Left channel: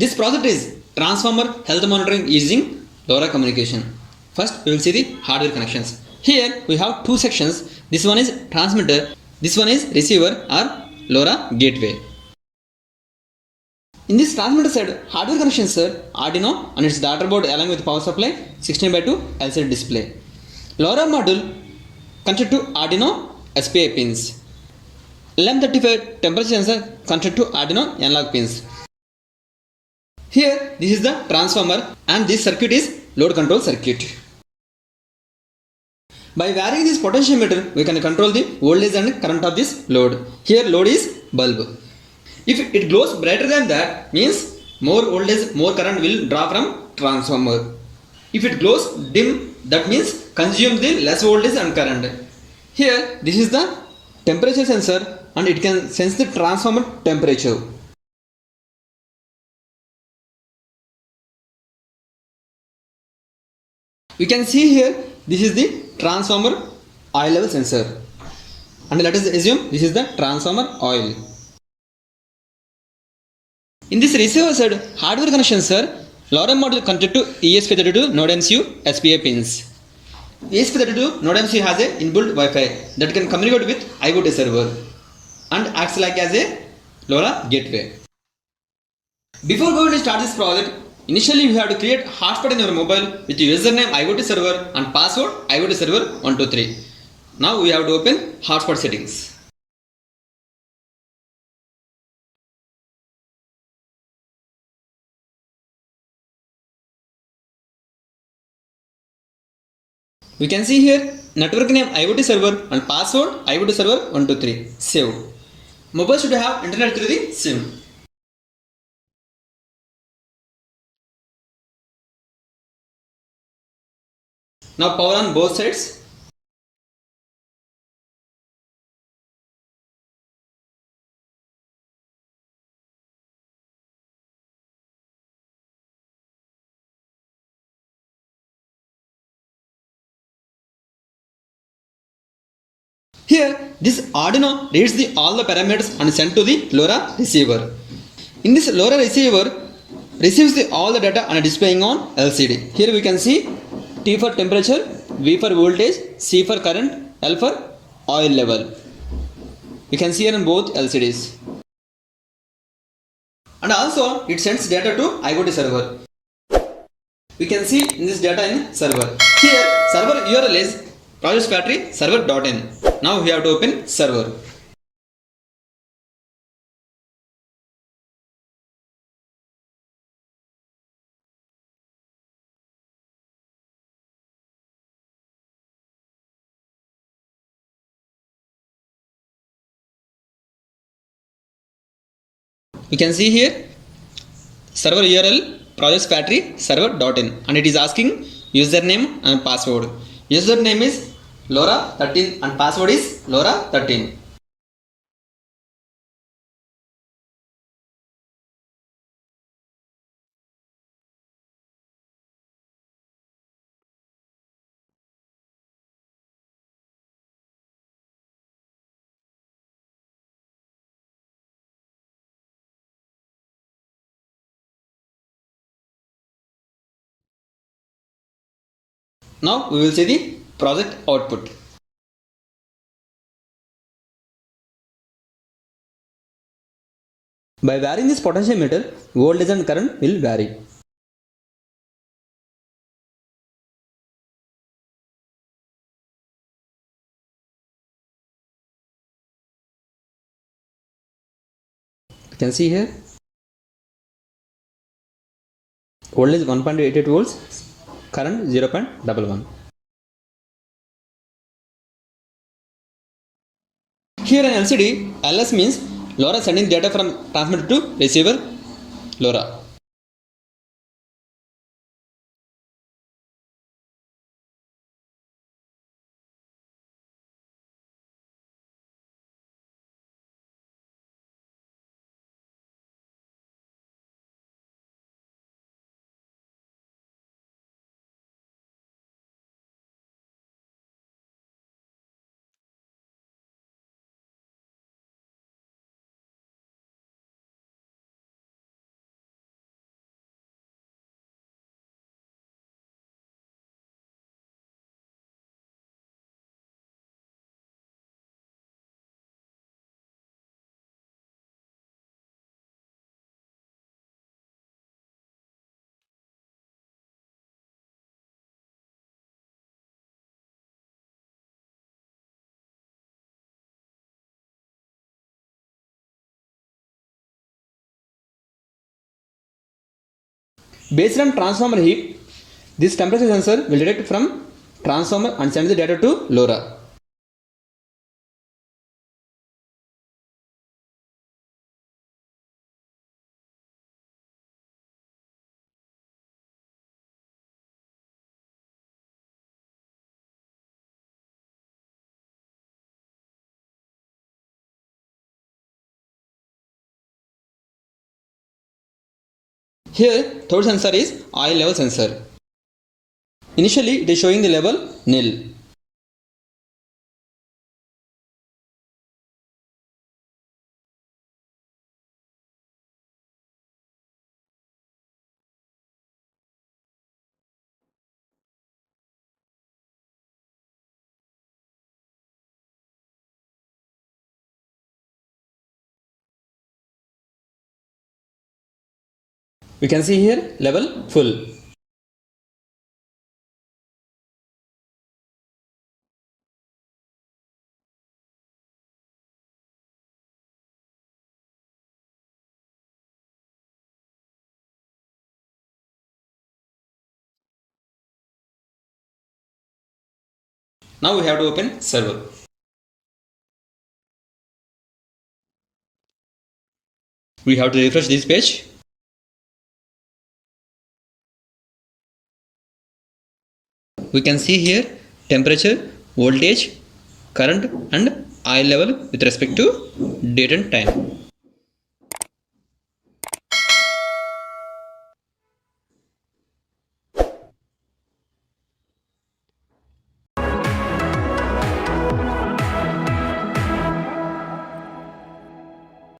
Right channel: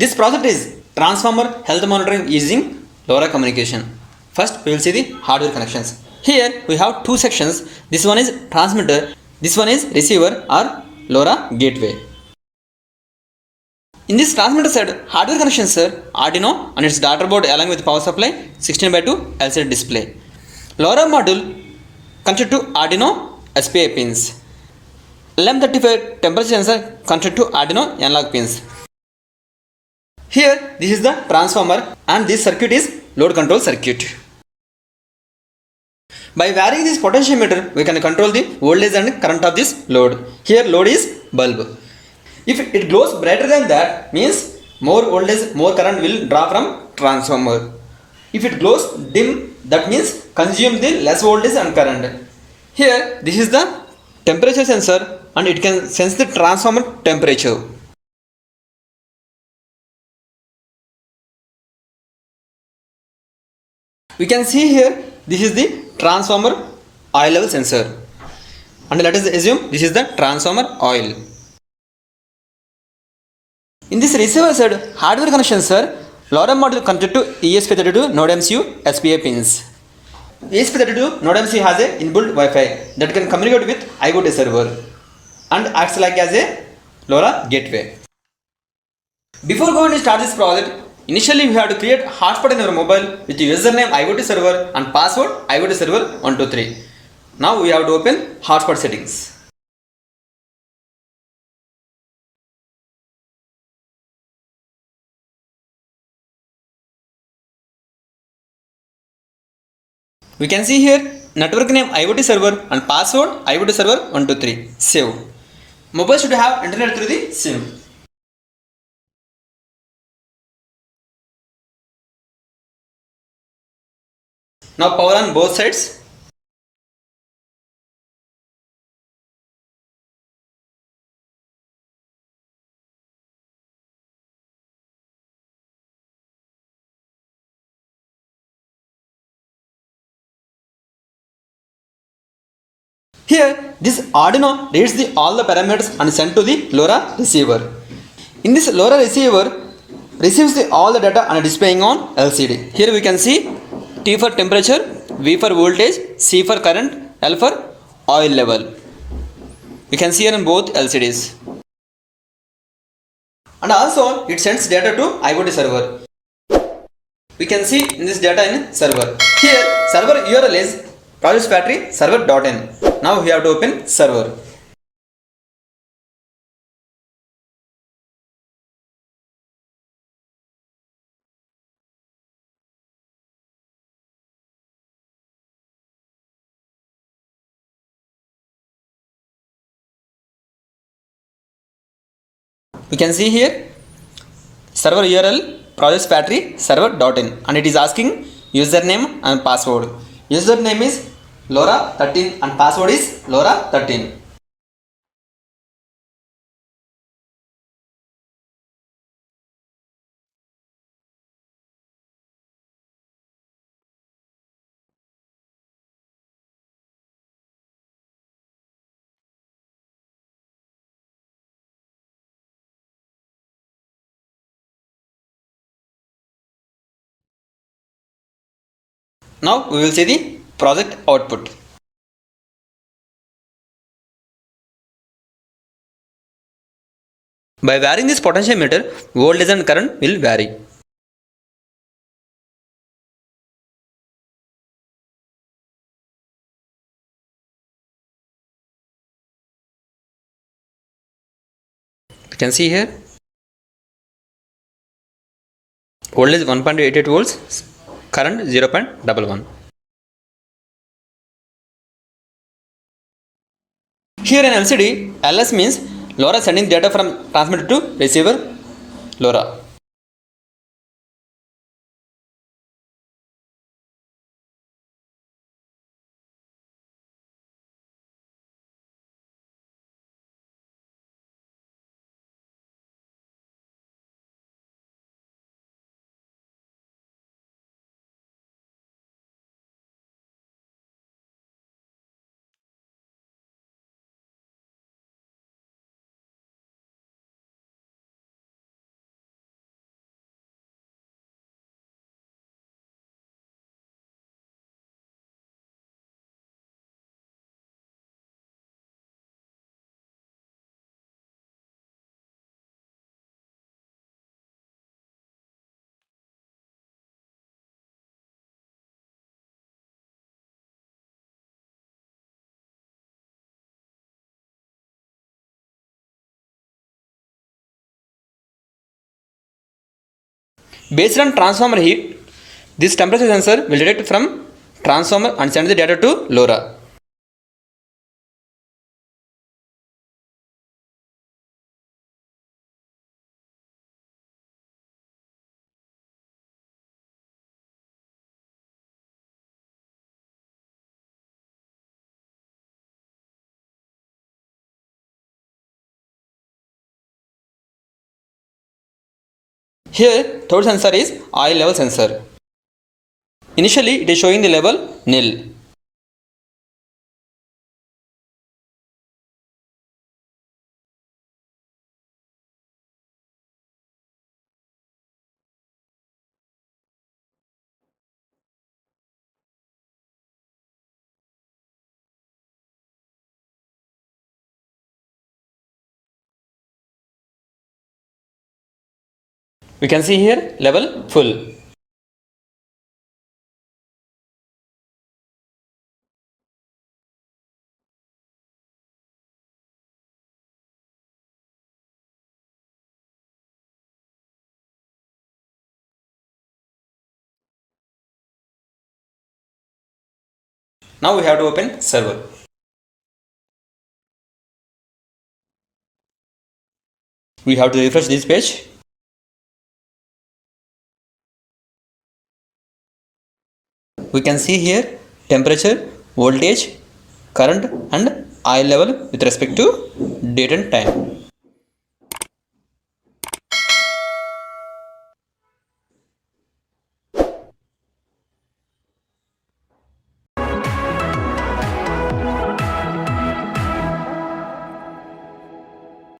This project is transformer health monitoring using LoRa communication. First, we will see the hardware connections. Here we have two sections. This one is transmitter, this one is receiver or LoRa gateway. In this transmitter side, hardware connections are Arduino and its daughter board along with power supply, 16:2 LCD display. LoRa module connected to Arduino SPI pins. LM35 temperature sensor connected to Arduino analog pins. Here, this is the transformer and this circuit is load control circuit. By varying this potentiometer, we can control the voltage and current of this load. Here load is bulb. If it glows brighter than that, means more voltage, more current will draw from transformer. If it glows dim, that means consume the less voltage and current. Here, this is the temperature sensor and it can sense the transformer temperature. We can see here, this is the transformer oil level sensor. And let us assume this is the transformer oil. In this receiver side, hardware connections are LoRa module connected to ESP32 nodemcu SPI pins. ESP32 nodemcu has a inbuilt Wi-Fi that can communicate with IoT server and acts like as a LoRa gateway. Before going to start this project, initially we have to create hotspot in our mobile with username IoT server and password IoT server 123. Now we have to open hotspot settings. We can see here network name IoT server and password IoT server 123. Save. Mobile should have internet through the SIM. Now power on both sides. Here, this Arduino reads all the parameters and sent to the LoRa receiver. In this LoRa receiver, receives all the data and displaying on LCD. Here we can see T for temperature, V for voltage, C for current, L for oil level. You can see here in both LCDs. And also, it sends data to IoT server. We can see in this data in server. Here, server URL is project battery server.in. Now we have to open server. We can see here server URL project battery server.in and it is asking username and password. Username is LoRa 13 and password is LoRa 13. Now we will see the project output. By varying this potentiometer, voltage and current will vary. You can see here voltage 1.88 volts, current 0.11. Here in LCD, LS means LoRa sending data from transmitter to receiver LoRa. Based on transformer heat, this temperature sensor will detect from transformer and send the data to LoRa. Here, third sensor is oil level sensor. Initially, it is showing the level nil. We can see here level full. Now we have to open server. We have to refresh this page. We can see here temperature, voltage, current and oil level with respect to date and time.